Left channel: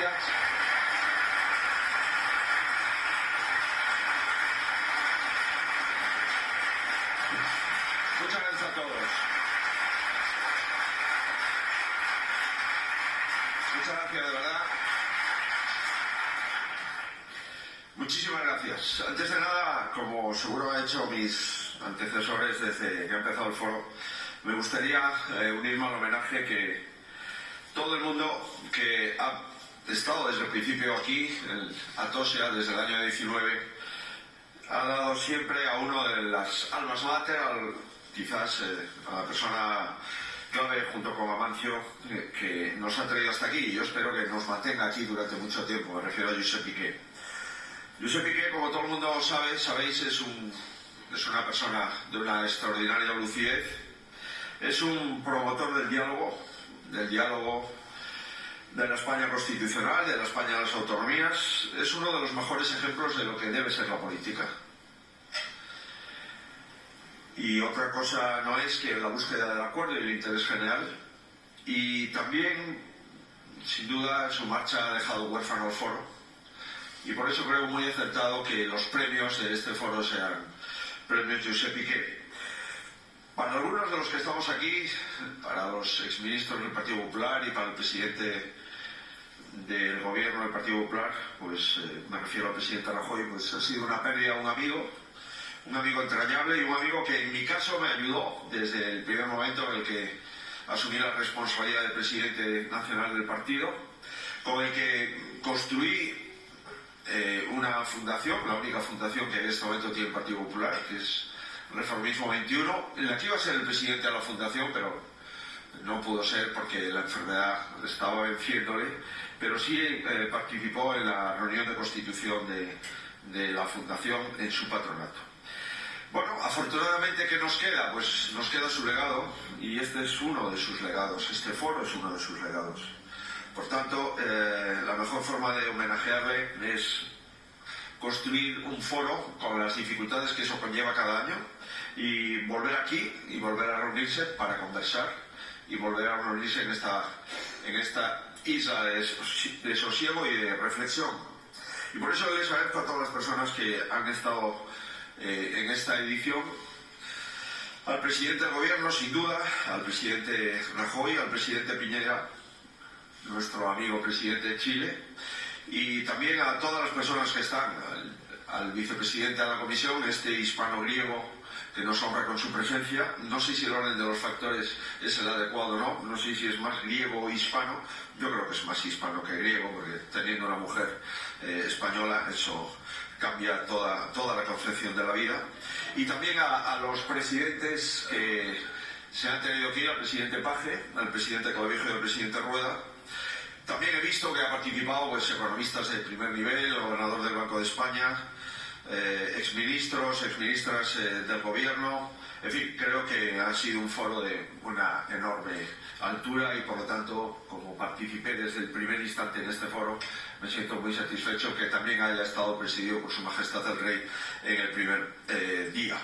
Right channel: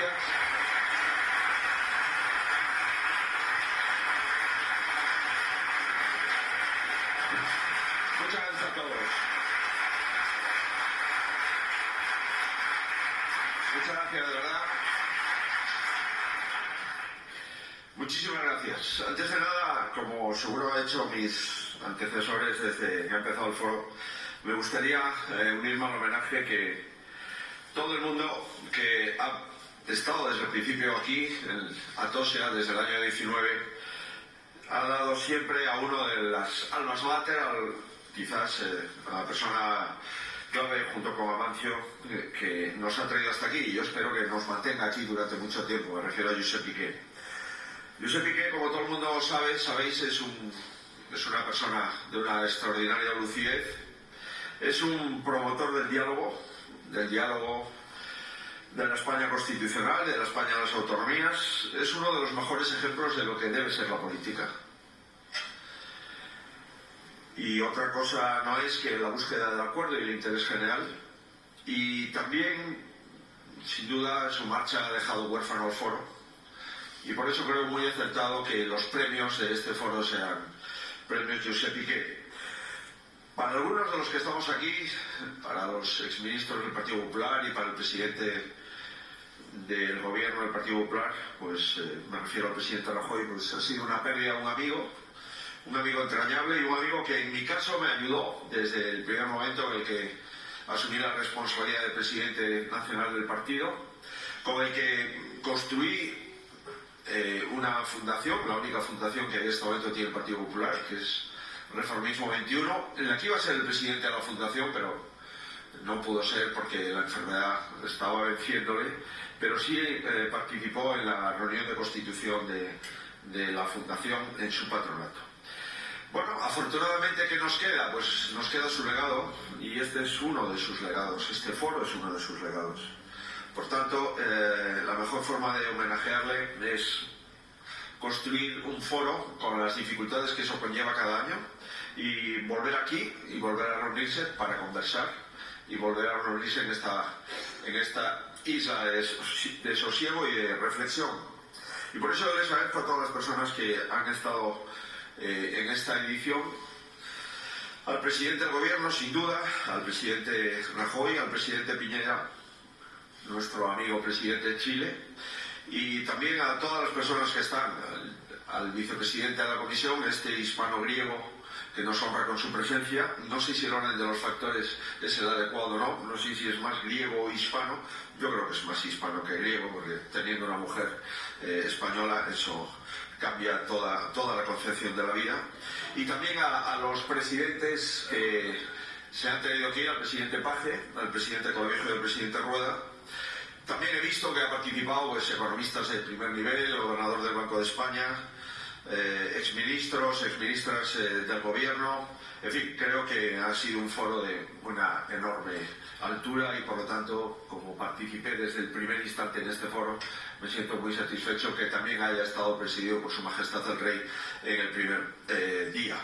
gracias. Muchas gracias a todos. Muchas gracias, de verdad. Muchísimas gracias. Antes de nada, como seguro han hecho mis antecesores desde que ha empezado el foro, me gustaría unirme al homenaje que todo el mundo que ha estado desde el principio aquí, en Atocha, desde el año 19, ha dado siempre a uno de las almas mater, quizás a la persona clave junto con Amancio, que nos ha traído hasta aquí, y yo espero que nos mantenga aquí durante mucho tiempo. Me refiero a Josep Piqué. Josep Piqué, como todo el mundo sabéis, es una persona de una extraordinaria lucidez, es un promotor del diálogo de la España constitucional, de la España de las autonomías, es uno de los mejores ejemplos de lo que debe ser la política. Y otra cosa no es que la búsqueda del acuerdo y el interés general, y también, sin duda, su marcha ha dejado huérfano al foro, y por eso creo muy acertado que los premios de este foro sean premios Josep Piqué. Para algunos de los que estamos aquí, para los exministros del Partido Popular y para el presidente del gobierno del Partido Popular, pues me refiero al presidente Rajoy, pues ha sido una pérdida, un amigo entrañable y un amigo que en mi caso me ayudó desde el primer momento en el que asumí la responsabilidad de presidente nacional del partido, con el que construí una fundación, la única fundación que en este momento tiene el Partido Popular, que es Reformismo 21, en la que iba a ser el presidente de la fundación, pero no pudo ser porque la enfermedad estaba venciéndole, pero sí participó en la reunión de constitución de la fundación en su patronato. Bueno, afortunadamente, ¿qué nos queda? Pues nos queda su legado, y este es uno de sus legados, este foro es uno de sus legados. Por tanto, la mejor forma de homenajearle es construir un foro con las dificultades que eso conlleva cada año y volver aquí y volver a reunirse para conversar y volver a reunirse en esta isla de sosiego y de reflexión. Y por eso les agradezco a todas las personas que han estado en esta edición, al presidente del gobierno, sin duda, al presidente Rajoy, al presidente Piñera, nuestro amigo presidente de Chile, y también a todas las personas que están, al vicepresidente de la comisión, este hispano-griego que nos honra con su presencia. No sé si el orden de los factores es el adecuado o no sé si es más griego o hispano. Yo creo que es más hispano que griego, porque teniendo una mujer española, eso cambia toda la concepción de la vida. Y también a los presidentes que se han tenido aquí, al presidente Paje, al presidente Clavijo y al presidente Rueda. También he visto que ha participado economistas de primer nivel, el gobernador del Banco de España, exministras del gobierno. En fin, creo que ha sido un foro de una enorme altura y por lo tanto, como participé desde el primer instante en este foro, me siento muy satisfecho que también haya estado presidido por Su Majestad el Rey en el primer día.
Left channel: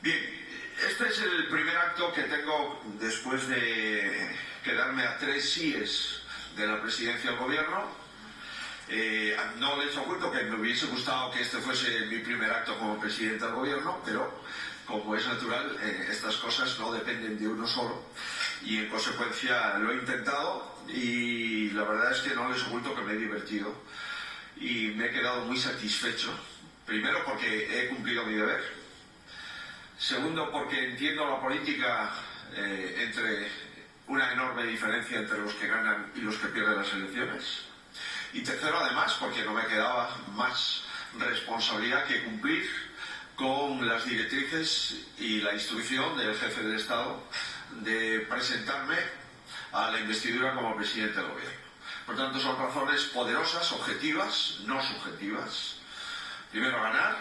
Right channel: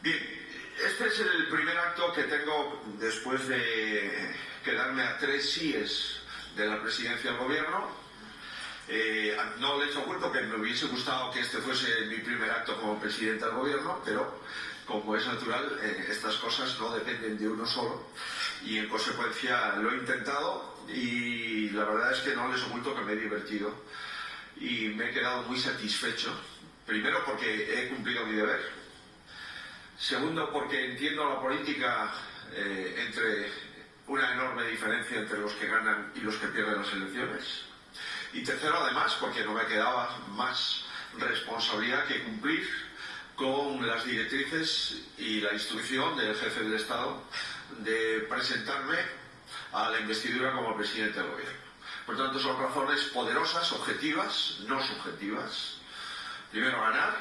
Bien, este es el primer acto que tengo después de quedarme a 3 síes de la presidencia del gobierno. No les oculto que me hubiese gustado que este fuese mi primer acto como presidente del gobierno, pero como es natural, estas cosas no dependen de uno solo y en consecuencia lo he intentado y la verdad es que no les oculto que me he divertido y me he quedado muy satisfecho. Primero porque he cumplido mi deber, segundo porque entiendo la política entre una enorme diferencia entre los que ganan y los que pierden las elecciones. Y tercero, además, porque no me quedaba más responsabilidad que cumplir con las directrices y la instrucción del jefe del Estado de presentarme a la investidura como presidente del gobierno. Por tanto, son razones poderosas, objetivas, no subjetivas. Primero, ganar,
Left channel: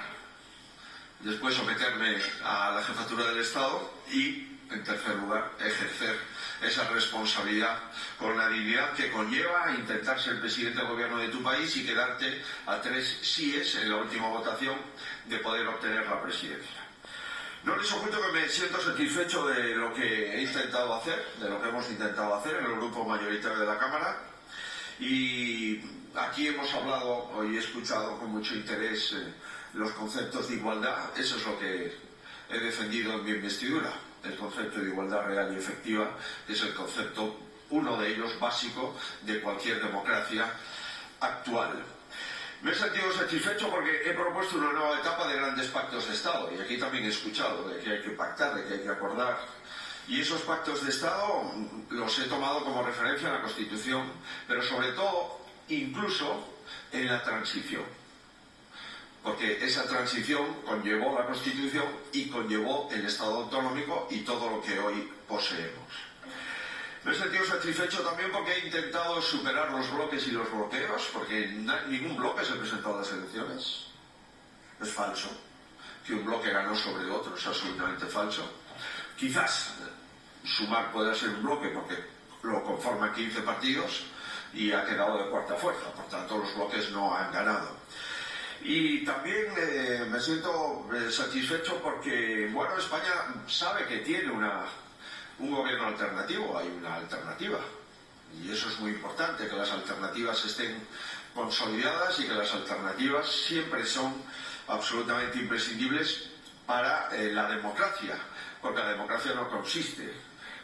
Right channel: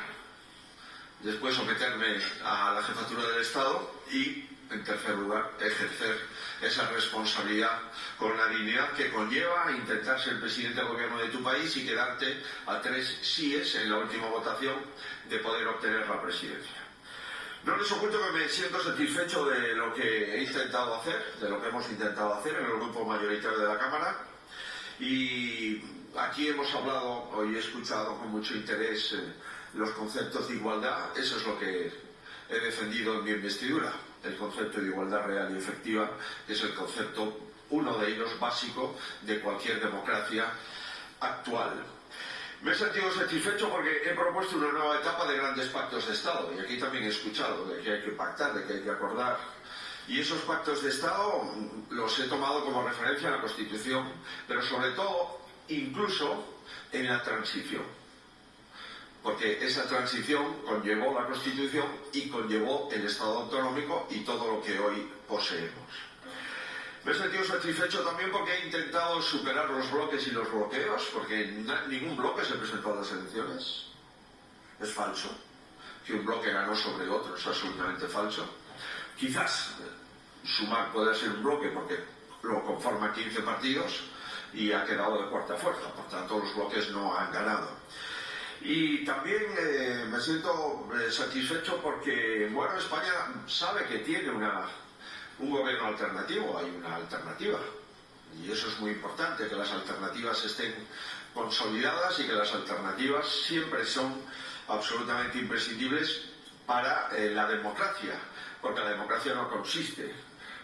después someterme a la jefatura del Estado y, en tercer lugar, ejercer esa responsabilidad con la dignidad que conlleva intentar ser presidente del gobierno de tu país y quedarte a 3 síes en la última votación de poder obtener la presidencia. No les oculto que me siento satisfecho de lo que he intentado hacer, de lo que hemos intentado hacer en el grupo mayoritario de la Cámara, Y aquí hemos hablado, hoy he escuchado con mucho interés los conceptos de igualdad. Eso es lo que he defendido en mi investidura, el concepto de igualdad real y efectiva, que es el concepto, uno de ellos básico, de cualquier democracia actual. Me he sentido satisfecho porque he propuesto una nueva etapa de grandes pactos de Estado, y aquí también he escuchado de que hay que pactar, de que hay que acordar. Y esos pactos de Estado los he tomado como referencia en la Constitución, pero sobre todo, incluso en la transición. Porque esa transición conllevó la Constitución y conllevó el Estado autonómico y todo lo que hoy poseemos. Me he sentido satisfecho también porque he intentado superar los bloques y los bloqueos, porque ningún bloque se presentó a las elecciones. Es falso. Que un bloque ganó sobre el otro es absolutamente falso. Quizás Sumar pueda ser un bloque porque lo conforman 15 partidos y ha quedado de cuarta fuerza. Por tanto, los bloques no han ganado. Y también me siento satisfecho porque, bueno, España sabe que tiene un gobierno alternativo, hay una alternativa. Y eso es muy importante, que las alternativas estén consolidadas y que las alternativas siempre son absolutamente imprescindibles para la democracia. Porque la democracia no consiste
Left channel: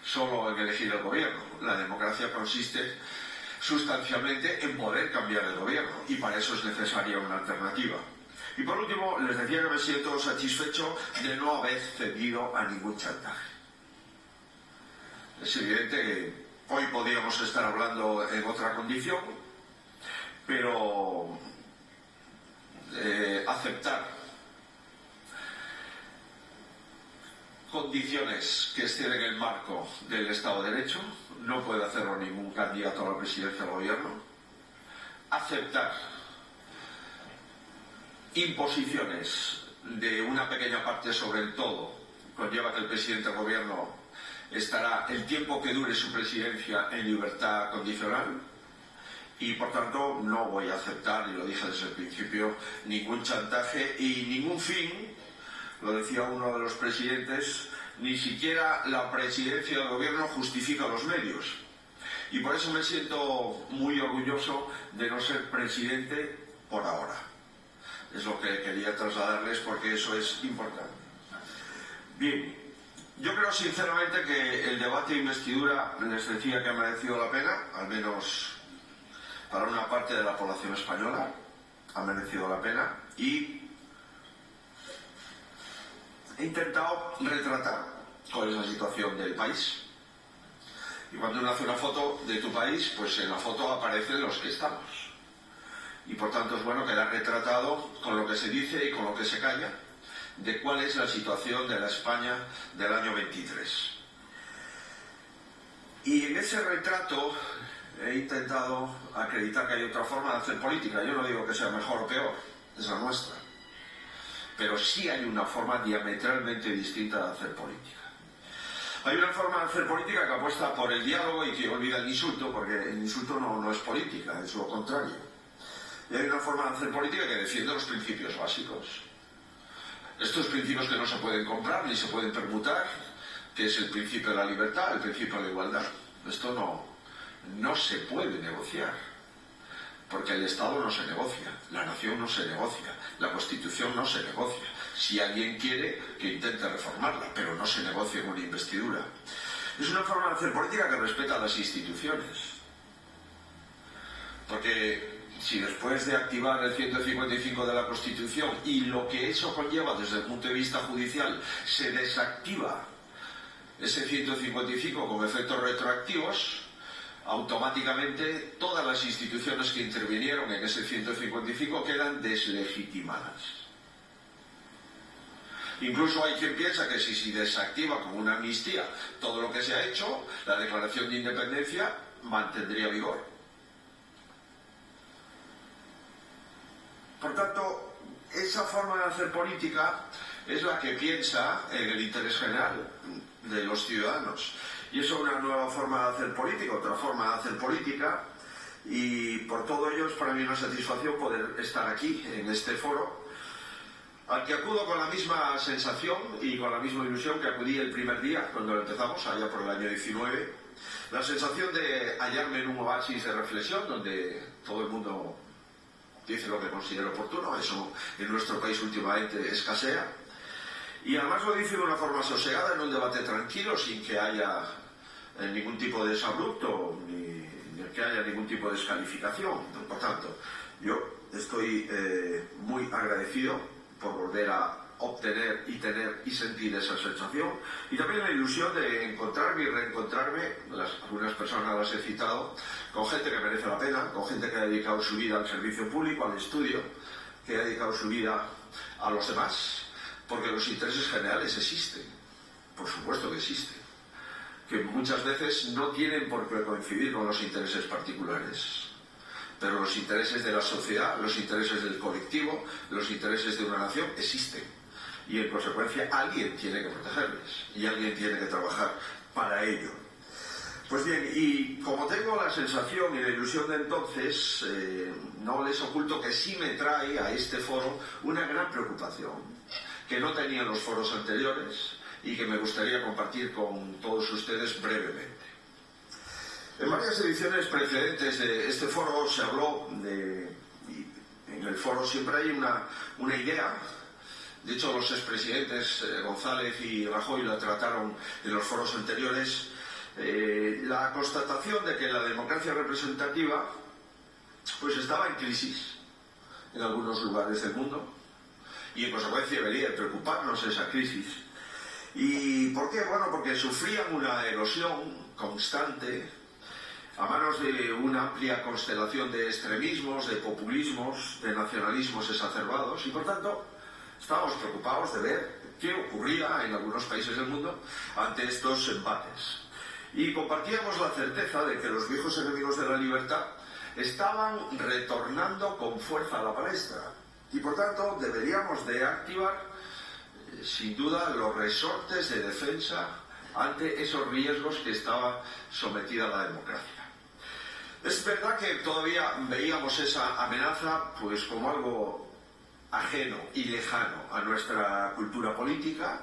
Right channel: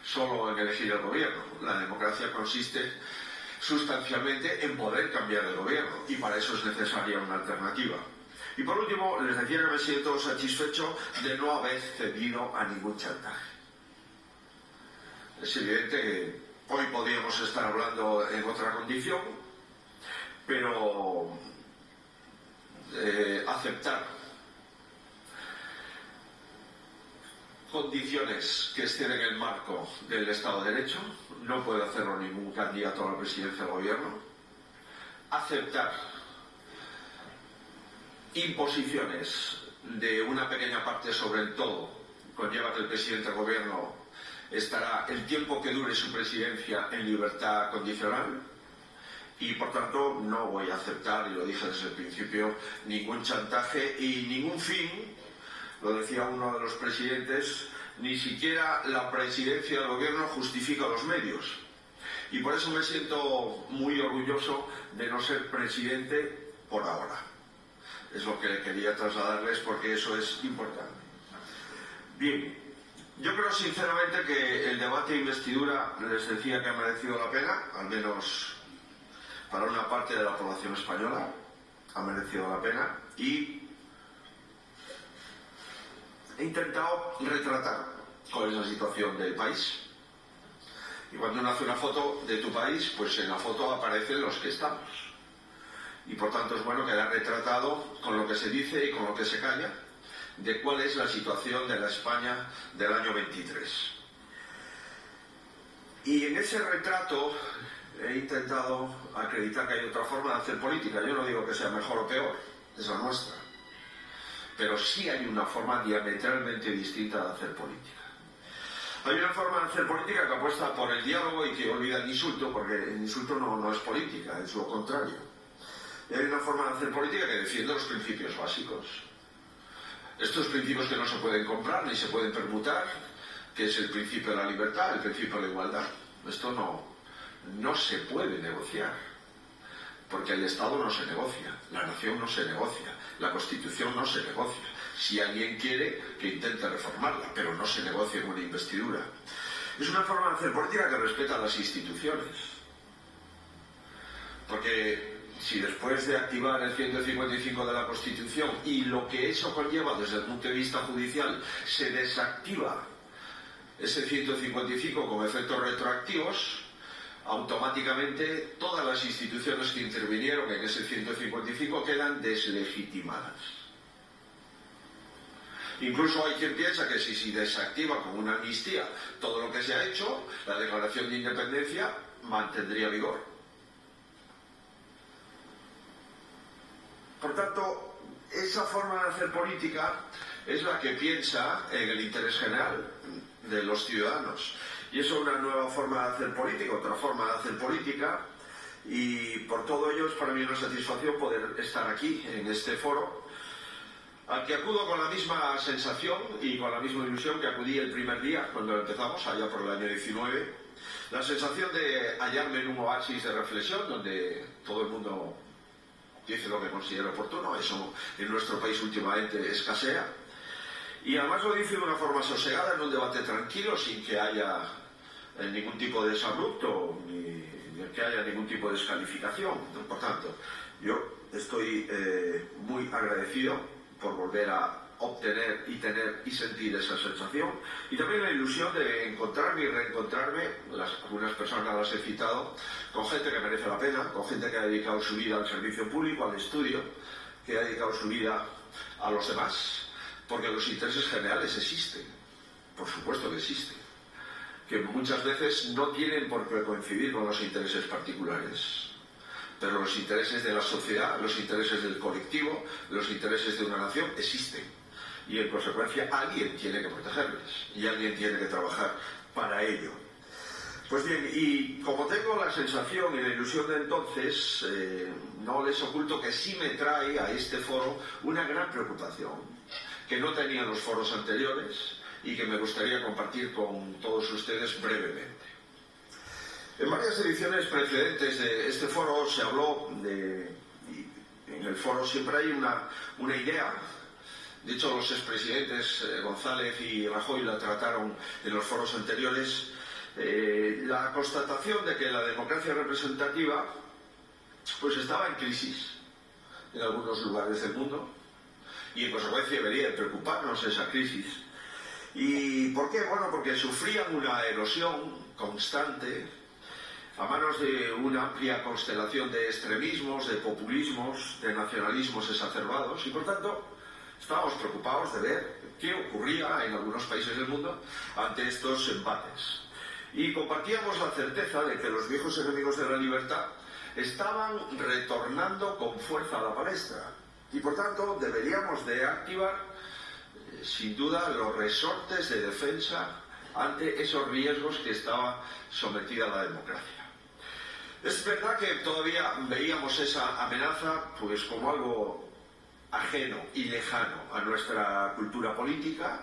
solo en elegir el gobierno. La democracia consiste sustancialmente en poder cambiar el gobierno, y para eso es necesaria una alternativa. Y por último, les decía que me siento satisfecho de no haber cedido a ningún chantaje. Es evidente que hoy podríamos estar hablando en otra condición, pero aceptar condiciones que estén en el marco del Estado de Derecho, no puede hacerlo ningún candidato a la presidencia del gobierno. Aceptar imposiciones de una pequeña parte sobre el todo conlleva que el presidente del gobierno estará el tiempo que dure su presidencia en libertad condicional, y por tanto no voy a aceptar, y lo dije desde el principio, ningún chantaje y ningún fin. Lo decía uno de los presidentes, ni siquiera la presidencia del gobierno justifica los medios. Y por eso me siento muy orgulloso de no ser presidente por ahora. Es lo que quería trasladarles porque eso es importante. Bien, yo creo sinceramente que el debate de investidura, les decía que ha merecido la pena, al menos para una parte de la población española, ha merecido la pena, y he intentado retratar cuál es la situación del país. Y cuando uno hace una foto de tu país, pues en la foto aparecen los que estamos. Y por tanto es bueno quedar retratado con lo que se dice y con lo que se calla de cuál es la situación de la España del año 23. Y en ese retrato he intentado acreditar que hay otra forma de hacer política. Yo no digo que sea mejor o peor, es la nuestra. Pero sí hay una forma diametralmente distinta de hacer política. Hay una forma de hacer política que apuesta por el diálogo y que olvida el insulto, porque el insulto no es política, es lo contrario. Y hay una forma de hacer política que defiende los principios básicos. Estos principios que no se pueden comprar ni se pueden permutar, que es el principio de la libertad, el principio de la igualdad. Esto no se puede negociar, porque el Estado no se negocia, la nación no se negocia, la Constitución no se negocia. Si alguien quiere, que intente reformarla, pero no se negocia en una investidura. Es una forma de hacer política que respeta las instituciones. Porque si después de activar el 155 de la Constitución y lo que eso conlleva desde el punto de vista judicial, se desactiva ese 155 con efectos retroactivos, automáticamente todas las instituciones que intervinieron en ese 155 quedan deslegitimadas. Incluso hay quien piensa que si desactiva con una amnistía todo lo que se ha hecho, la declaración de independencia mantendría vigor. Por tanto, esa forma de hacer política es la que piensa en el interés general de los ciudadanos. Y eso es una nueva forma de hacer política, otra forma de hacer política, y por todo ello es para mí una satisfacción poder estar aquí, en este foro, al que acudo con la misma sensación y con la misma ilusión que acudí el primer día, cuando empezamos, allá por el año 19, La sensación de hallarme en un oasis de reflexión donde todo el mundo dice lo que considera oportuno, eso en nuestro país últimamente escasea, y además lo dice de una forma sosegada, en un debate tranquilo, sin que haya ningún tipo de desabrupto, ni que haya ningún tipo de descalificación. Por tanto, yo estoy muy agradecido por volver a obtener y tener y sentir esa sensación, y también la ilusión de encontrarme y reencontrarme, algunas personas las he citado, con gente que merece la pena, con gente que ha dedicado su vida al servicio público, al estudio, que ha dedicado su vida a los demás, porque los intereses generales existen, por supuesto que existen, que muchas veces no tienen por qué coincidir con los intereses particulares, pero los intereses de la sociedad, los intereses del colectivo, los intereses de una nación existen. Y en consecuencia alguien tiene que protegerles y alguien tiene que trabajar para ello. Pues bien, y como tengo la sensación y la ilusión de entonces, no les oculto que sí me trae a este foro una gran preocupación que no tenían los foros anteriores y que me gustaría compartir con todos ustedes brevemente. En varias ediciones precedentes de este foro se habló de, y en el foro siempre hay una idea. De hecho, los expresidentes González y Rajoy la trataron en los foros anteriores, la constatación de que la democracia representativa pues estaba en crisis en algunos lugares del mundo y en consecuencia debería preocuparnos esa crisis. ¿Y por qué? Bueno, porque sufrían una erosión constante a manos de una amplia constelación de extremismos, de populismos, de nacionalismos exacerbados, y por tanto estábamos preocupados de ver qué ocurría en algunos países del mundo ante estos embates. Y compartíamos la certeza de que los viejos enemigos de la libertad estaban retornando con fuerza a la palestra. Y por tanto deberíamos de activar, sin duda, los resortes de defensa ante esos riesgos que estaba sometida la democracia. Es verdad que todavía veíamos esa amenaza pues como algo ajeno y lejano a nuestra cultura política,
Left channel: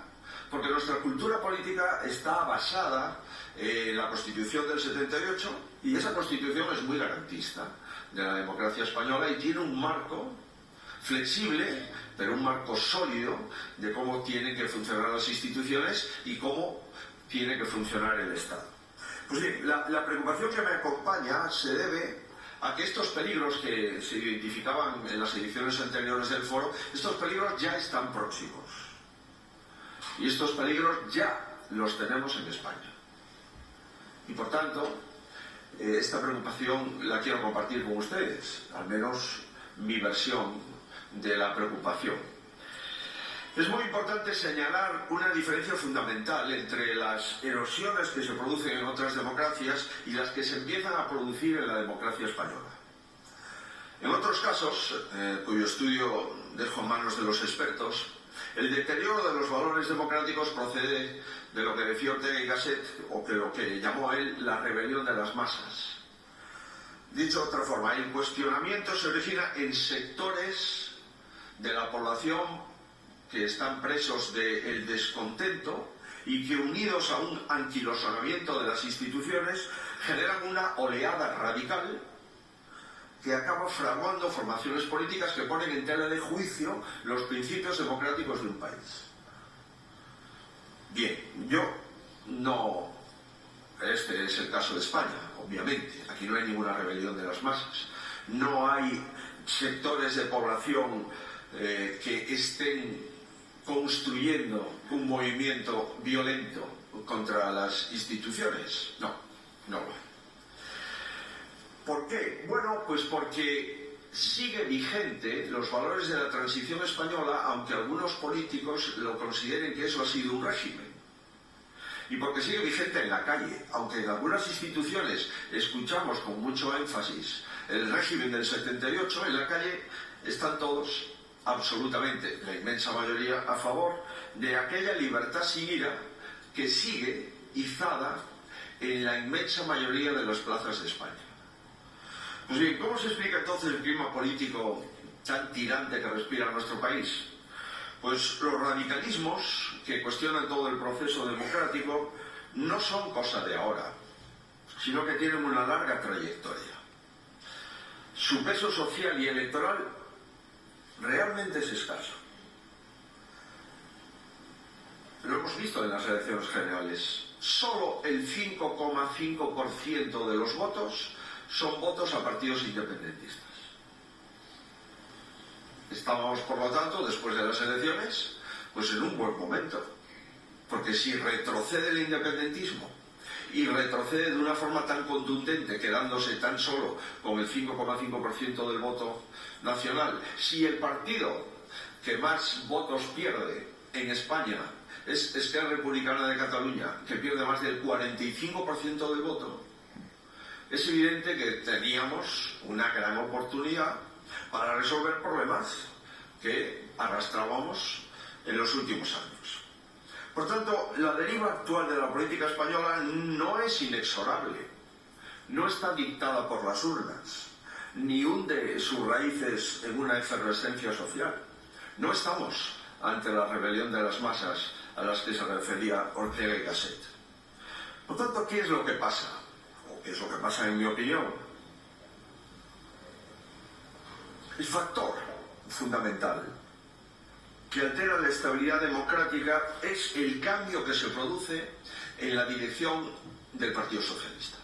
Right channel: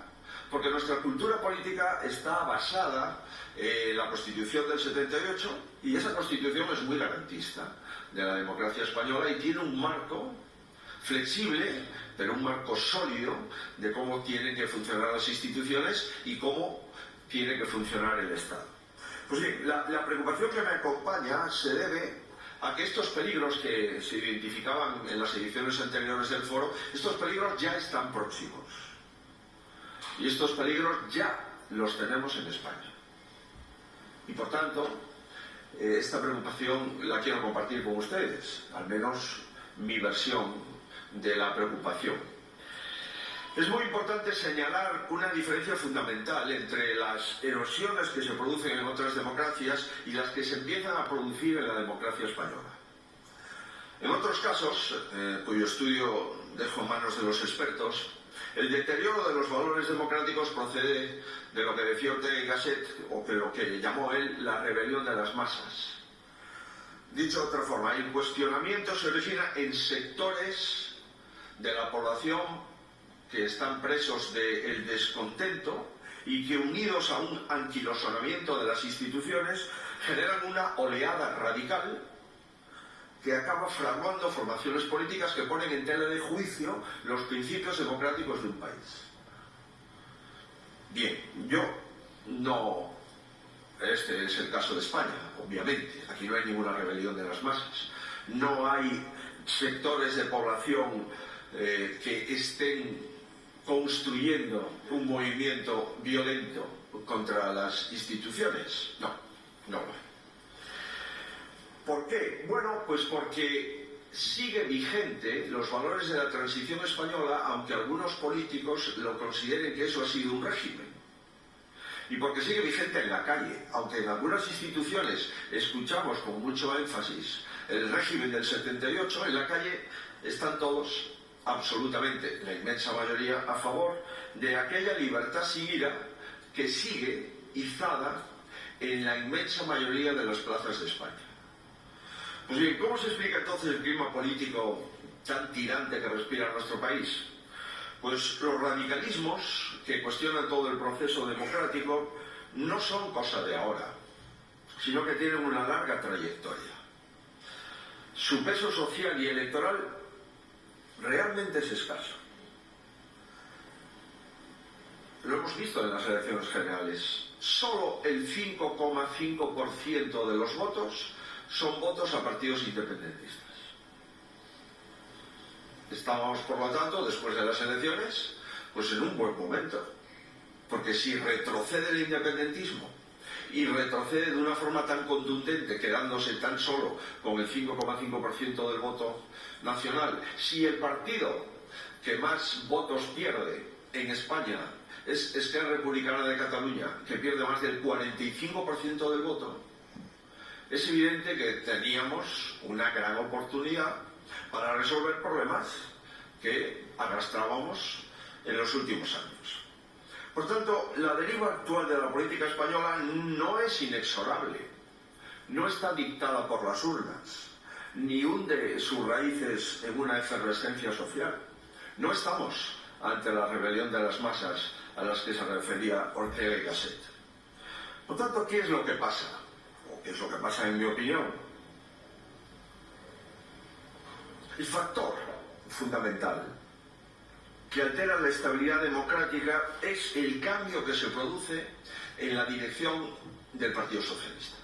porque nuestra cultura política está basada en la Constitución del 78 y esa Constitución es muy garantista de la democracia española y tiene un marco flexible, pero un marco sólido de cómo tienen que funcionar las instituciones y cómo tiene que funcionar el Estado. Pues bien, la preocupación que me acompaña se debe a que estos peligros que se identificaban en las ediciones anteriores del foro, estos peligros ya están próximos. Y estos peligros ya los tenemos en España. Y por tanto, esta preocupación la quiero compartir con ustedes, al menos mi versión de la preocupación. Es muy importante señalar una diferencia fundamental entre las erosiones que se producen en otras democracias y las que se empiezan a producir en la democracia española. En otros casos, cuyo estudio dejo en manos de los expertos, el deterioro de los valores democráticos procede de lo que decía Ortega y Gasset, o de lo que llamó él la rebelión de las masas. Dicho de otra forma, el cuestionamiento se origina en sectores de la población que están presos del descontento y que, unidos a un anquilosonamiento de las instituciones, generan una oleada radical que acaba fraguando formaciones políticas que ponen en tela de juicio los principios democráticos de un país. Bien, este es el caso de España, obviamente. Aquí no hay ninguna rebelión de las masas. No hay sectores de población que estén construyendo un movimiento violento contra las instituciones. No lo hay. ¿Por qué? Bueno, pues porque sigue vigente los valores de la transición española, aunque algunos políticos lo consideren que eso ha sido un régimen. Y porque sigue vigente en la calle, aunque en algunas instituciones escuchamos con mucho énfasis el régimen del 78, en la calle están todos, absolutamente, la inmensa mayoría, a favor de aquella libertad sin ira que sigue izada en la inmensa mayoría de las plazas de España. Pues bien, ¿cómo se explica entonces el clima político tan tirante que respira nuestro país? Pues los radicalismos que cuestionan todo el proceso democrático no son cosa de ahora. sino que tienen una larga trayectoria. Su peso social y electoral realmente es escaso. Lo hemos visto en las elecciones generales. Solo el 5,5% de los votos son votos a partidos independentistas. Estamos, por lo tanto, después de las elecciones, pues en un buen momento. Porque si retrocede el independentismo y retrocede de una forma tan contundente, quedándose tan solo con el 5,5% del voto nacional, si el partido que más votos pierde en España es Esquerra Republicana de Cataluña, que pierde más del 45% del voto, es evidente que teníamos una gran oportunidad para resolver problemas que arrastrábamos en los últimos años. Por tanto, la deriva actual de la política española no es inexorable, no está dictada por las urnas, ni hunde sus raíces en una efervescencia social. No estamos ante la rebelión de las masas a las que se refería Ortega y Gasset. Por tanto, ¿qué es lo que pasa? ¿O qué es lo que pasa en mi opinión? El factor fundamental que altera la estabilidad democrática es el cambio que se produce en la dirección del Partido Socialista.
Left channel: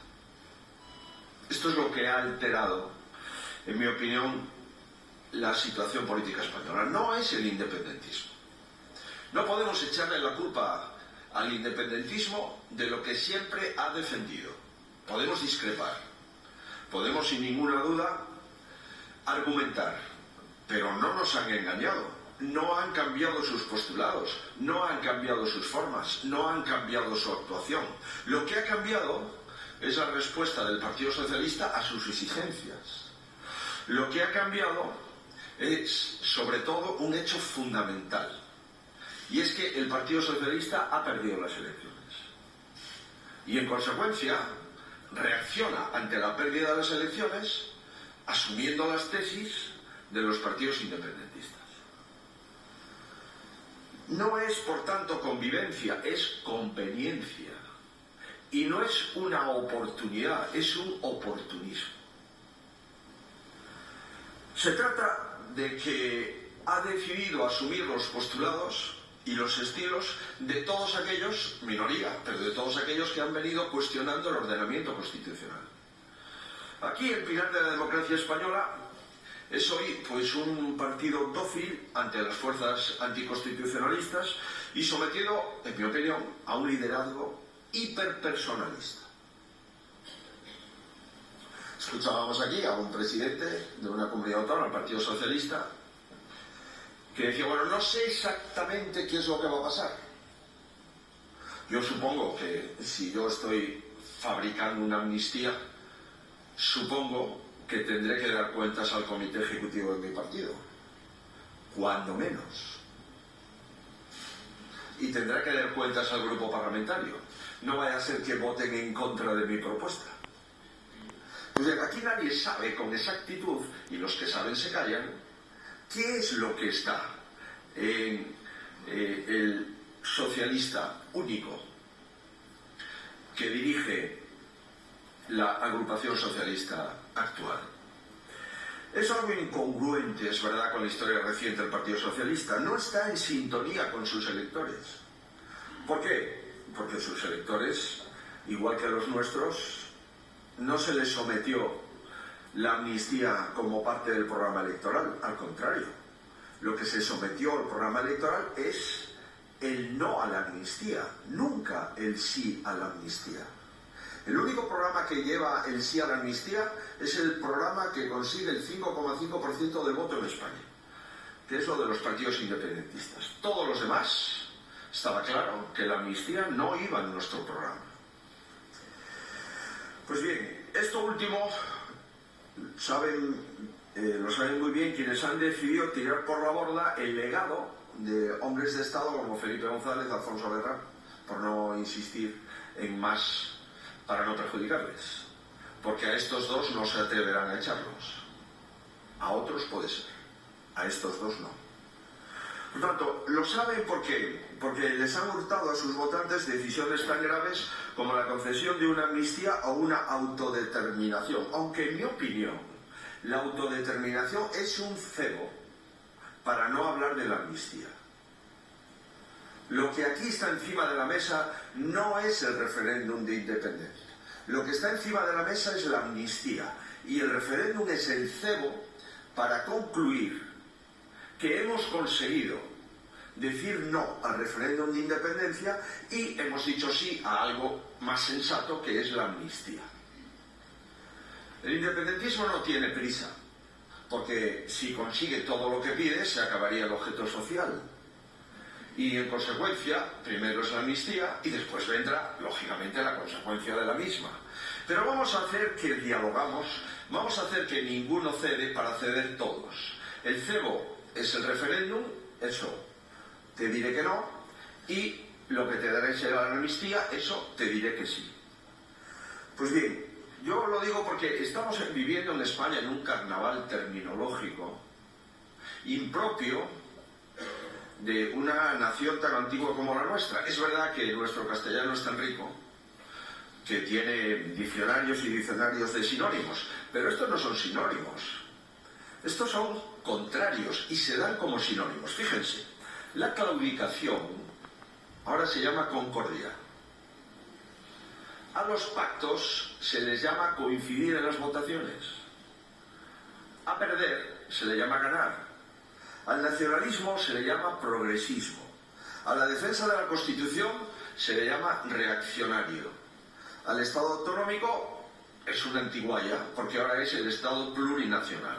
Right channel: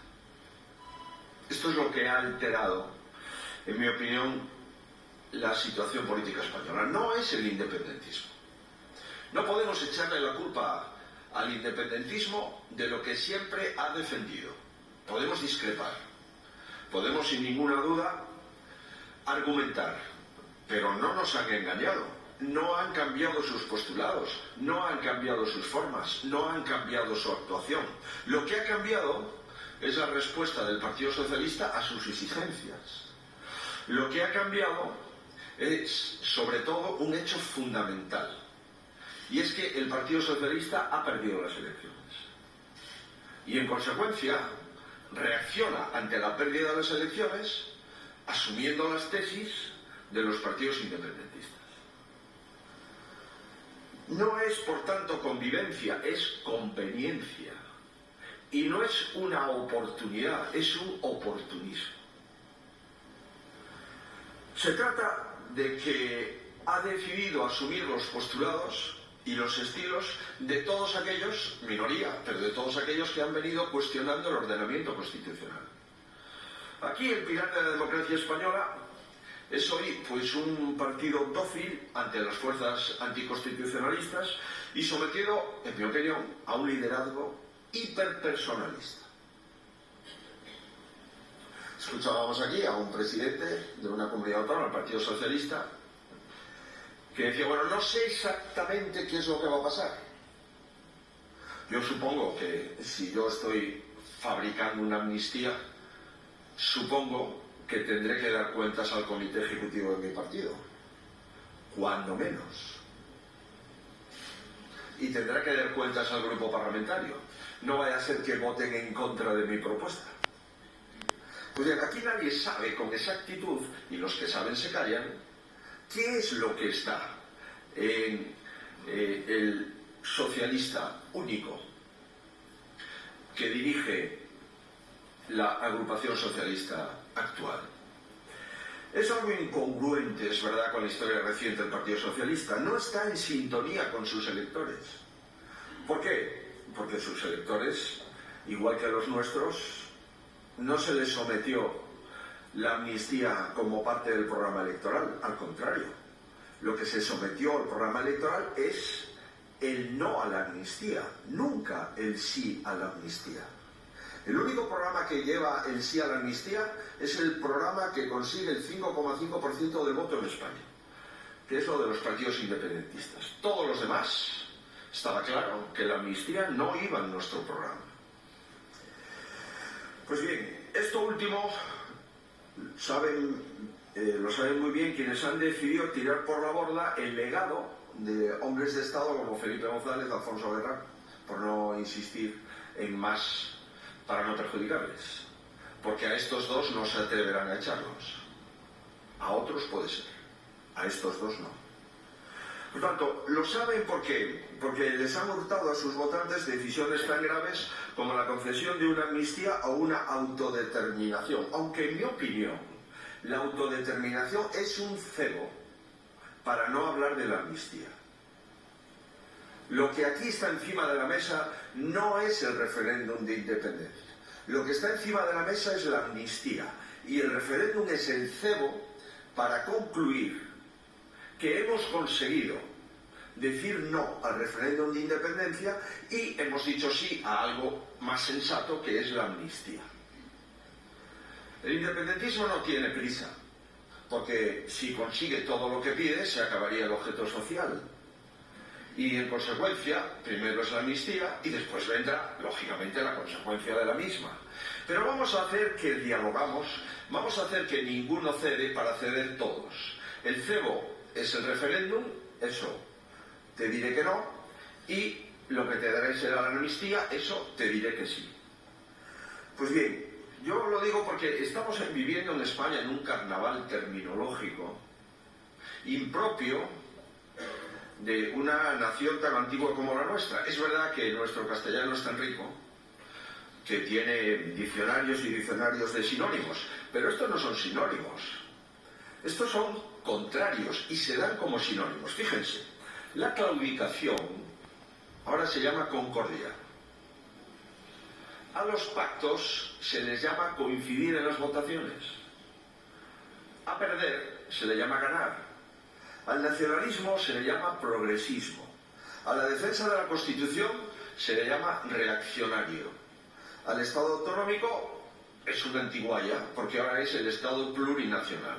Esto es lo que ha alterado, en mi opinión, la situación política española. No es el independentismo. No podemos echarle la culpa al independentismo de lo que siempre ha defendido. Podemos discrepar, podemos sin ninguna duda argumentar, pero no nos han engañado. No han cambiado sus postulados, no han cambiado sus formas, no han cambiado su actuación. Lo que ha cambiado es la respuesta del Partido Socialista a sus exigencias. Lo que ha cambiado es, sobre todo, un hecho fundamental. Y es que el Partido Socialista ha perdido las elecciones. Y, en consecuencia, reacciona ante la pérdida de las elecciones asumiendo las tesis de los partidos independentistas. No es, por tanto, convivencia, es conveniencia. Y no es una oportunidad, es un oportunismo. Se trata de que ha decidido asumir los postulados y los estilos de todos aquellos, minoría, pero de todos aquellos que han venido cuestionando el ordenamiento constitucional. Aquí el pilar de la democracia española es hoy pues un partido dócil ante las fuerzas anticonstitucionalistas y sometido, en mi opinión, a un liderazgo hiperpersonalista. Escuchábamos aquí a un presidente de una comunidad autónoma, el Partido Socialista, que decía, bueno, no sé exactamente qué es lo que va a pasar. Yo supongo que si yo estoy fabricando una amnistía, supongo que tendré que dar cuentas al comité ejecutivo de mi partido, cuando menos. Y tendré que dar cuentas al grupo parlamentario. No vaya a ser que voten en contra de mi propuesta. Pues bien, aquí nadie sabe con exactitud, y los que saben se callan, qué es lo que está en el socialista único que dirige la agrupación socialista actual. Es algo incongruente, es verdad, con la historia reciente del Partido Socialista. No está en sintonía con sus electores. ¿Por qué? Porque sus electores, igual que a los nuestros, no se les sometió la amnistía como parte del programa electoral. Al contrario, lo que se sometió al programa electoral es el no a la amnistía, nunca el sí a la amnistía. El único programa que lleva el sí a la amnistía es el programa que consigue el 5,5% del voto en España, que es lo de los partidos independentistas. Todos los demás, estaba claro que la amnistía no iba en nuestro programa. Pues bien, esto último lo saben muy bien quienes han decidido tirar por la borda el legado de hombres de Estado como Felipe González, Alfonso Guerra, por no insistir en más para no perjudicarles, porque a estos dos no se atreverán a echarlos. A otros puede ser, a estos dos no. Por tanto, lo saben ¿por qué? Porque les han hurtado a sus votantes decisiones tan graves como la concesión de una amnistía o una autodeterminación. Aunque en mi opinión, la autodeterminación es un cebo para no hablar de la amnistía. Lo que aquí está encima de la mesa no es el referéndum de independencia. Lo que está encima de la mesa es la amnistía. Y el referéndum es el cebo para concluir que hemos conseguido decir no al referéndum de independencia y hemos dicho sí a algo más sensato, que es la amnistía. El independentismo no tiene prisa, porque si consigue todo lo que pide, se acabaría el objeto social. Y en consecuencia, primero es la amnistía y después vendrá, lógicamente, la consecuencia de la misma. Pero vamos a hacer que dialogamos, vamos a hacer que ninguno cede para ceder todos. El cebo es el referéndum, eso te diré que no, y lo que te daré será la amnistía, eso te diré que sí. Pues bien, yo lo digo porque estamos viviendo en España en un carnaval terminológico impropio de una nación tan antigua como la nuestra. Es verdad que nuestro castellano es tan rico que tiene diccionarios y diccionarios de sinónimos, pero estos no son sinónimos, estos son contrarios y se dan como sinónimos. Fíjense, la claudicación ahora se llama concordia. A los pactos se les llama coincidir en las votaciones. A perder se le llama ganar. Al nacionalismo se le llama progresismo. A la defensa de la Constitución se le llama reaccionario. Al Estado autonómico es una antigualla, porque ahora es el Estado plurinacional.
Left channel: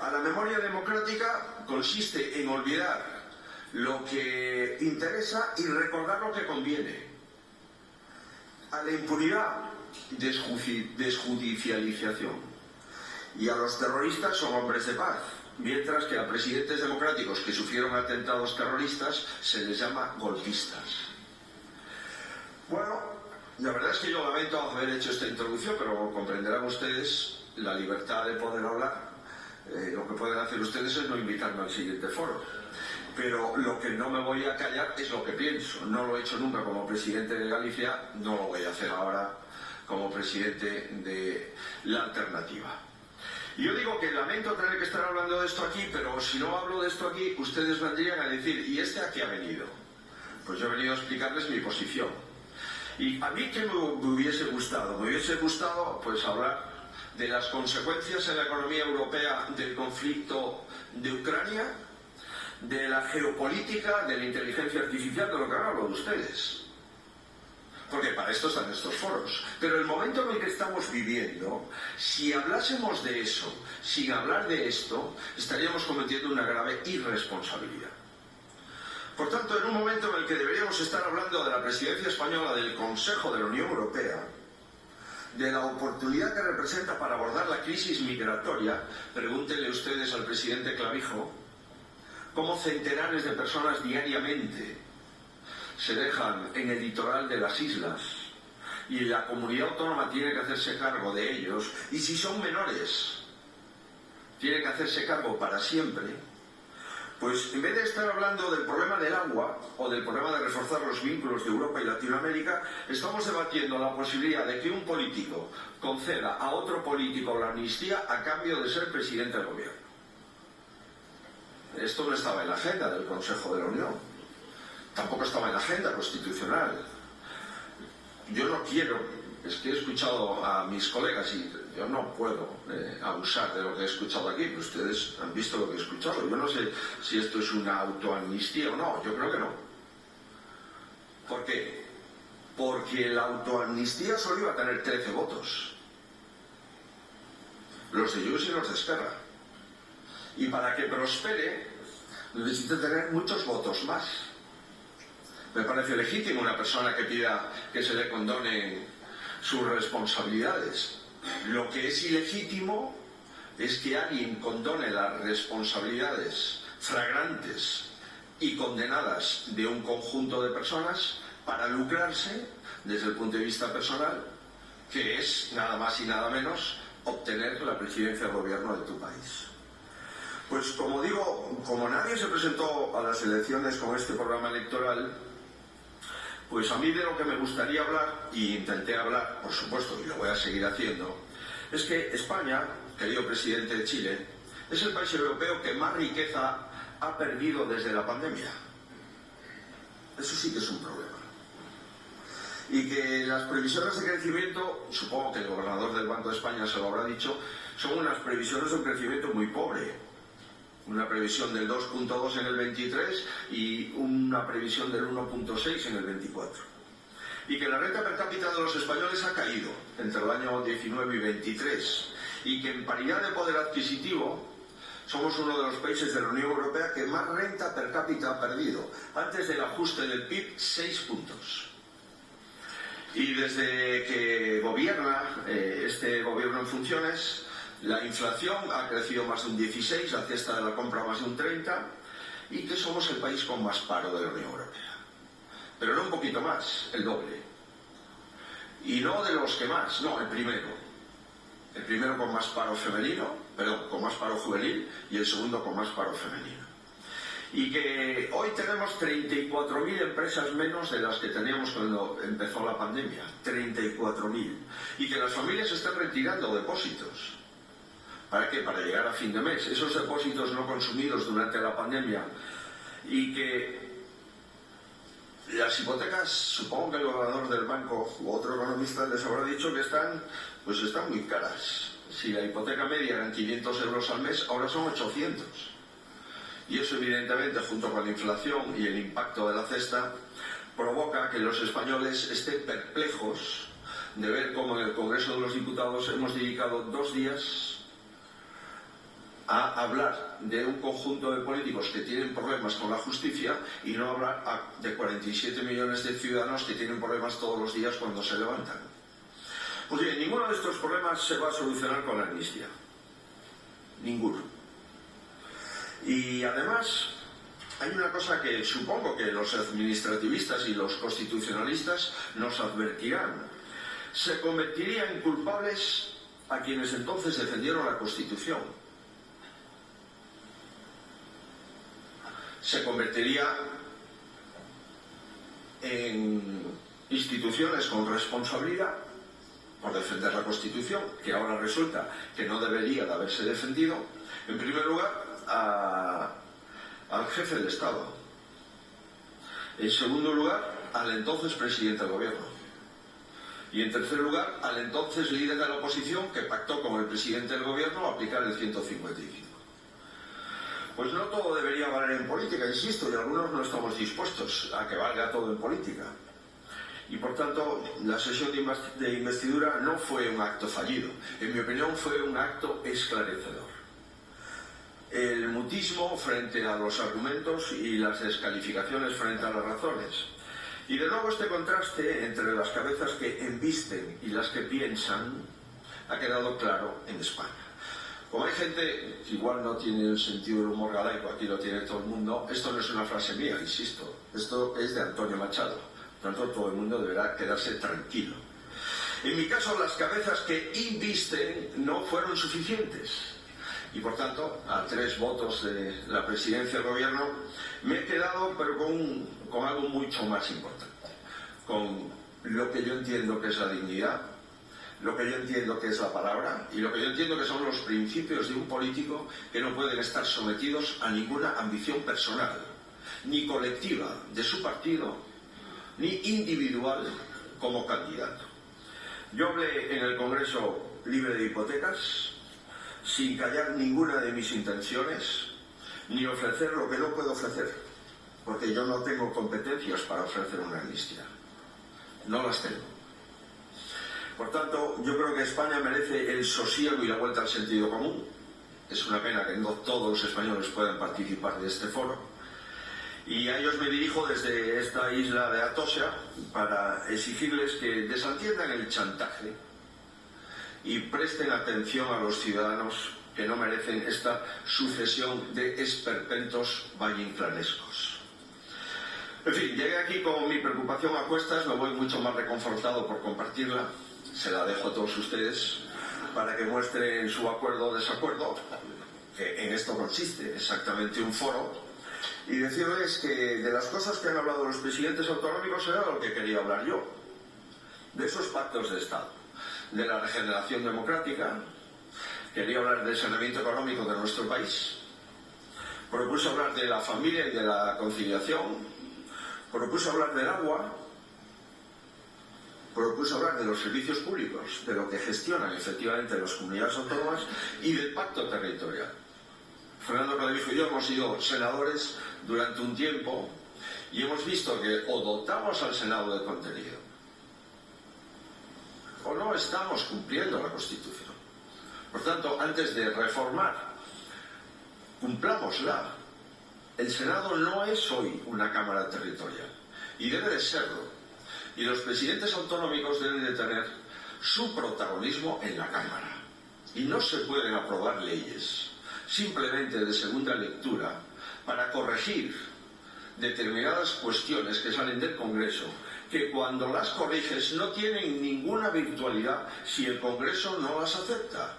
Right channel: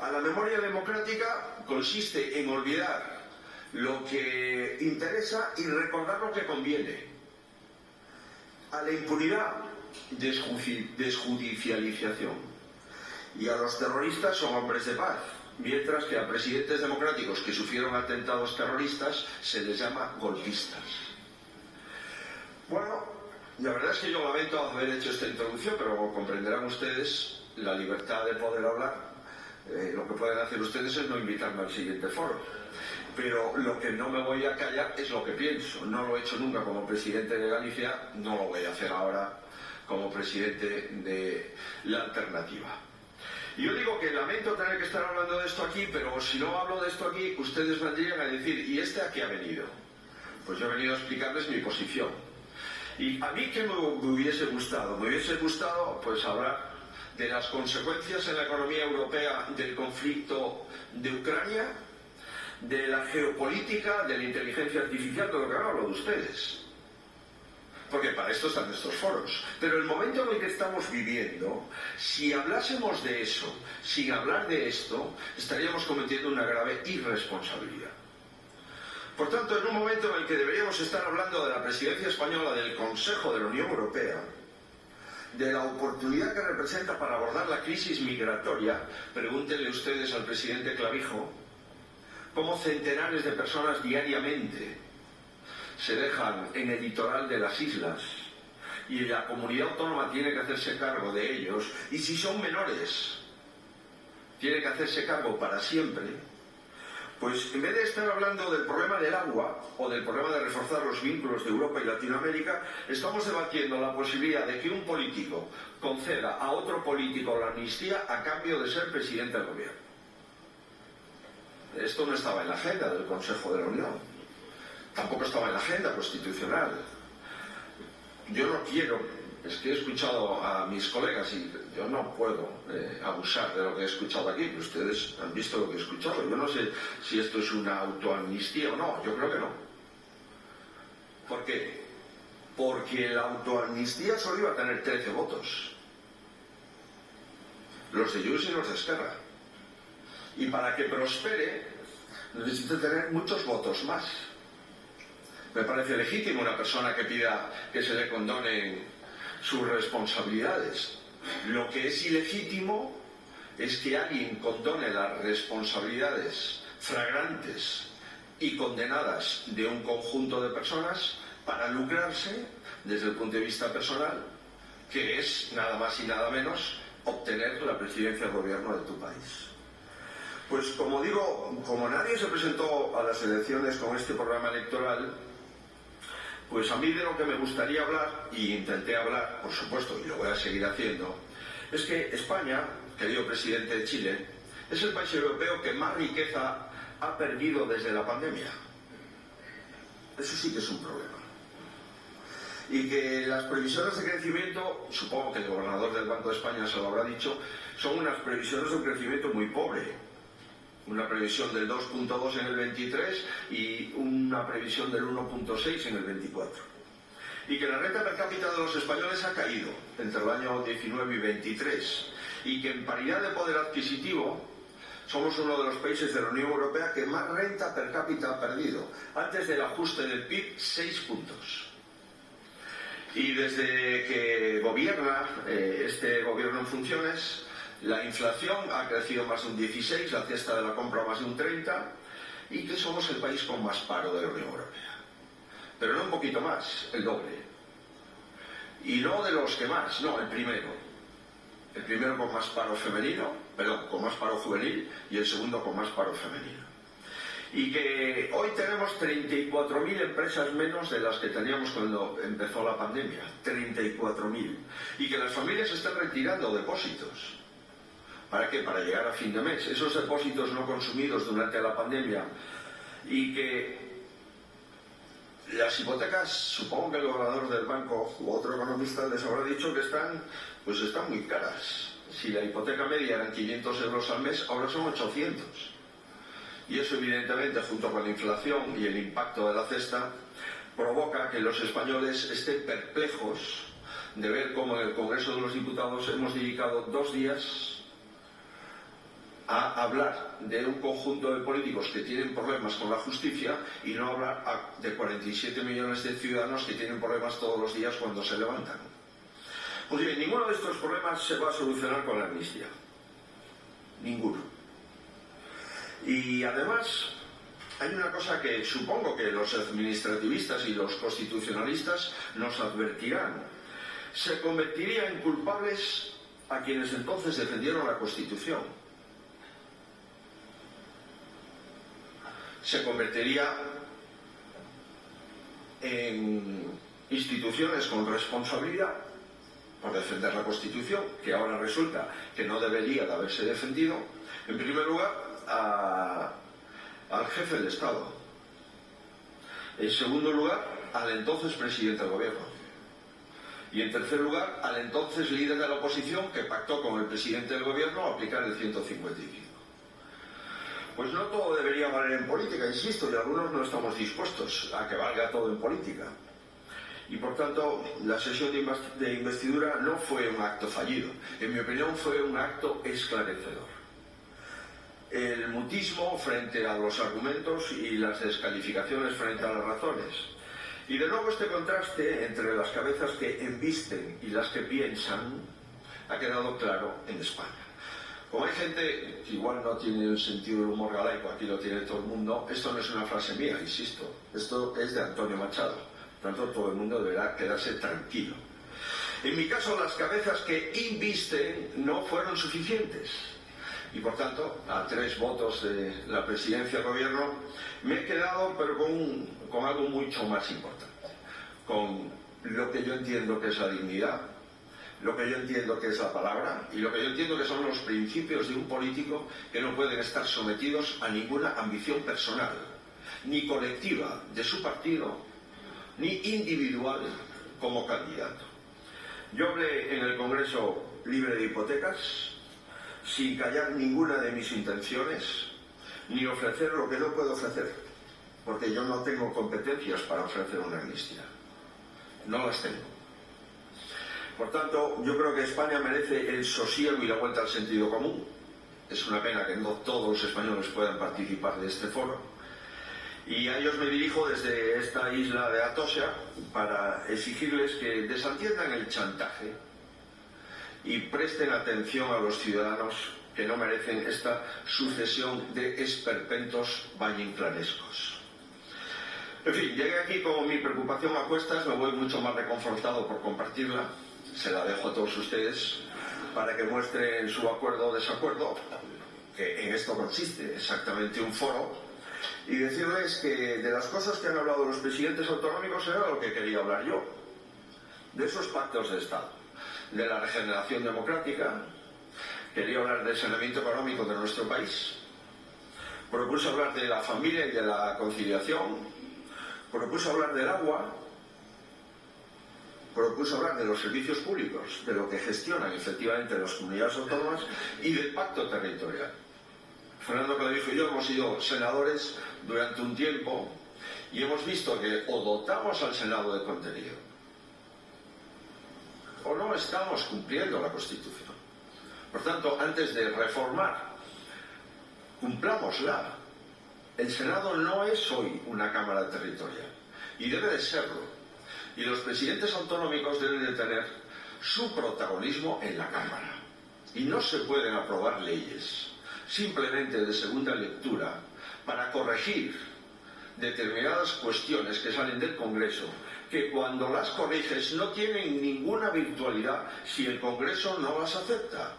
A la memoria democrática consiste en olvidar lo que interesa y recordar lo que conviene. A la impunidad, desjudicialización. Y a los terroristas son hombres de paz. Mientras que a presidentes democráticos que sufrieron atentados terroristas se les llama golpistas. Bueno, la verdad es que yo lamento haber hecho esta introducción, pero como comprenderán ustedes, la libertad de poder hablar, lo que pueden hacer ustedes es no invitarme al siguiente foro. Pero lo que no me voy a callar es lo que pienso. No lo he hecho nunca como presidente de Galicia, no lo voy a hacer ahora como presidente de la Alternativa. Y yo digo que lamento tener que estar hablando de esto aquí, pero si no hablo de esto aquí, ustedes vendrían a decir, ¿y este a qué ha venido? Pues yo he venido a explicarles mi posición. Y a mí, ¿qué me hubiese gustado? Me hubiese gustado, pues, hablar de las consecuencias en la economía europea del conflicto de Ucrania, de la geopolítica, de la inteligencia artificial, de lo que han hablado ustedes. Porque para esto están estos foros. Pero el momento en el que estamos viviendo, si hablásemos de eso, sin hablar de esto, estaríamos cometiendo una grave irresponsabilidad. Por tanto, en un momento en el que deberíamos estar hablando de la presidencia española del Consejo de la Unión Europea, de la oportunidad que representa para abordar la crisis migratoria, pregúntenle ustedes al presidente Clavijo cómo centenares de personas diariamente se dejan en el litoral de las islas y la comunidad autónoma tiene que hacerse cargo de ellos, y si son menores tiene que hacerse cargo para siempre. Pues en vez de estar hablando del problema del agua o del problema de reforzar los vínculos de Europa y Latinoamérica, estamos debatiendo la posibilidad de que un político conceda a otro político la amnistía a cambio de ser presidente del gobierno. Esto no estaba en la agenda del Consejo de la Unión. Tampoco estaba en la agenda constitucional. Yo no quiero, es que he escuchado a mis colegas y yo no puedo abusar de lo que he escuchado aquí, pero ustedes han visto lo que he escuchado. Yo no sé si esto es una autoamnistía o no, yo creo que no. ¿Por qué? Porque la autoamnistía solo iba a tener 13 votos. Los de Junts y los de Esquerra. Y para que prospere necesita tener muchos votos más. Me parece legítimo una persona que pida que se le condonen sus responsabilidades. Lo que es ilegítimo es que alguien condone las responsabilidades flagrantes y condenadas de un conjunto de personas para lucrarse desde el punto de vista personal, que es nada más y nada menos obtener la presidencia del gobierno de tu país. Pues como digo, como nadie se presentó a las elecciones con este programa electoral, pues a mí de lo que me gustaría hablar, y intenté hablar, por supuesto, y lo voy a seguir haciendo, es que España, querido presidente de Chile, es el país europeo que más riqueza ha perdido desde la pandemia. Eso sí que es un problema. Y que las previsiones de crecimiento, supongo que el gobernador del Banco de España se lo habrá dicho, son unas previsiones de un crecimiento muy pobre. Una previsión del 2,2 en el 23 y una previsión del 1,6 en el 24. Y que la renta per cápita de los españoles ha caído entre el año 19 y 23. Y que en paridad de poder adquisitivo somos uno de los países de la Unión Europea que más renta per cápita ha perdido. Antes del ajuste del PIB, 6 puntos. Y desde que gobierna este gobierno en funciones, la inflación ha crecido más de un 16, la cesta de la compra más de un 30, y que somos el país con más paro de la Unión Europea. Pero no un poquito más, el doble. Y no de los que más, no, el primero. El primero con más paro femenino, perdón, con más paro juvenil, y el segundo con más paro femenino. Y que hoy tenemos 34.000 empresas menos de las que teníamos cuando empezó la pandemia. 34.000. Y que las familias están retirando depósitos. ¿Para qué? Para llegar a fin de mes. Esos depósitos no consumidos durante la pandemia. Y que las hipotecas, supongo que el gobernador del banco u otro economista les habrá dicho que están muy caras. Si la hipoteca media eran 500 euros al mes, ahora son 800. Y eso evidentemente, junto con la inflación y el impacto de la cesta, provoca que los españoles estén perplejos de ver cómo en el Congreso de los Diputados hemos dedicado 2 días a hablar de un conjunto de políticos que tienen problemas con la justicia y no hablar de 47 millones de ciudadanos que tienen problemas todos los días cuando se levantan. Pues bien, ninguno de estos problemas se va a solucionar con la amnistía. Ninguno. Y además, hay una cosa que supongo que los administrativistas y los constitucionalistas nos advertirán. Se convertiría en culpables a quienes entonces defendieron la Constitución. Se convertiría en instituciones con responsabilidad por defender la Constitución, que ahora resulta que no debería de haberse defendido. En primer lugar, al jefe del Estado. En segundo lugar, al entonces presidente del gobierno. Y en tercer lugar, al entonces líder de la oposición que pactó con el presidente del gobierno aplicar el 155. Pues no todo debería valer en política, insisto, y algunos no estamos dispuestos a que valga todo en política. Y por tanto, la sesión de investidura no fue un acto fallido. En mi opinión, fue un acto esclarecedor. El mutismo frente a los argumentos y las descalificaciones frente a las razones. Y de nuevo este contraste entre las cabezas que embisten y las que piensan ha quedado claro en España. Como hay gente que igual no tiene el sentido del humor galaico, aquí lo tiene todo el mundo, esto no es una frase mía, insisto, esto es de Antonio Machado, por tanto todo el mundo deberá quedarse tranquilo. En mi caso, las cabezas que invisten no fueron suficientes. Y por tanto, a 3 votos de la presidencia del gobierno, me he quedado pero con algo mucho más importante. Con lo que yo entiendo que es la dignidad, lo que yo entiendo que es la palabra y lo que yo entiendo que son los principios de un político que no pueden estar sometidos a ninguna ambición personal, ni colectiva de su partido, ni individual como candidato. Yo hablé en el Congreso libre de hipotecas, sin callar ninguna de mis intenciones, ni ofrecer lo que no puedo ofrecer, porque yo no tengo competencias para ofrecer una amnistía. No las tengo. Por tanto, yo creo que España merece el sosiego y la vuelta al sentido común. Es una pena que no todos los españoles puedan participar de este foro. Y a ellos me dirijo desde esta isla de Atocha para exigirles que desatiendan el chantaje y presten atención a los ciudadanos que no merecen esta sucesión de esperpentos vallinclanescos. En fin, llegué aquí con mi preocupación a cuestas, me voy mucho más reconfortado por compartirla, se la dejo a todos ustedes para que muestren su acuerdo o desacuerdo, que en esto consiste exactamente un foro, y decirles que de las cosas que han hablado los presidentes autonómicos era lo que quería hablar yo, de esos pactos de Estado, de la regeneración democrática. Quería hablar del saneamiento económico de nuestro país, propuse hablar de la familia y de la conciliación, propuse hablar del agua, propuse hablar de los servicios públicos, de lo que gestionan efectivamente las comunidades autónomas y del pacto territorial. Fernando Clavijo y yo hemos sido senadores durante un tiempo y hemos visto que o dotamos al Senado de contenido o no estamos cumpliendo la Constitución. Por tanto, antes de reformar, cumplámosla. El Senado no es hoy una Cámara territorial y debe de serlo. Y los presidentes autonómicos deben de tener su protagonismo en la Cámara. Y no se pueden aprobar leyes simplemente de segunda lectura para corregir determinadas cuestiones que salen del Congreso, que cuando las corriges no tienen ninguna virtualidad si el Congreso no las acepta.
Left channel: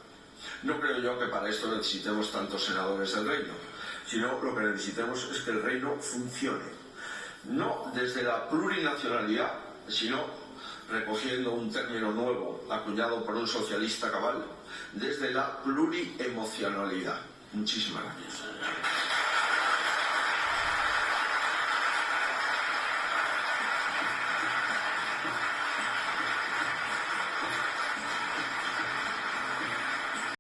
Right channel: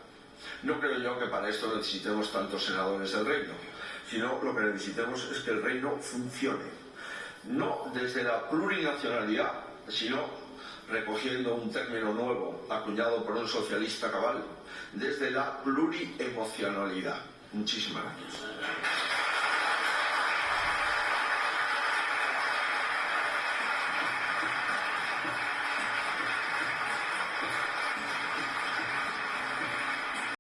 No creo yo que para esto necesitemos tantos senadores del reino, sino lo que necesitemos es que el reino funcione. No desde la plurinacionalidad, sino, recogiendo un término nuevo acuñado por un socialista cabal, desde la pluriemocionalidad. Muchísimas gracias.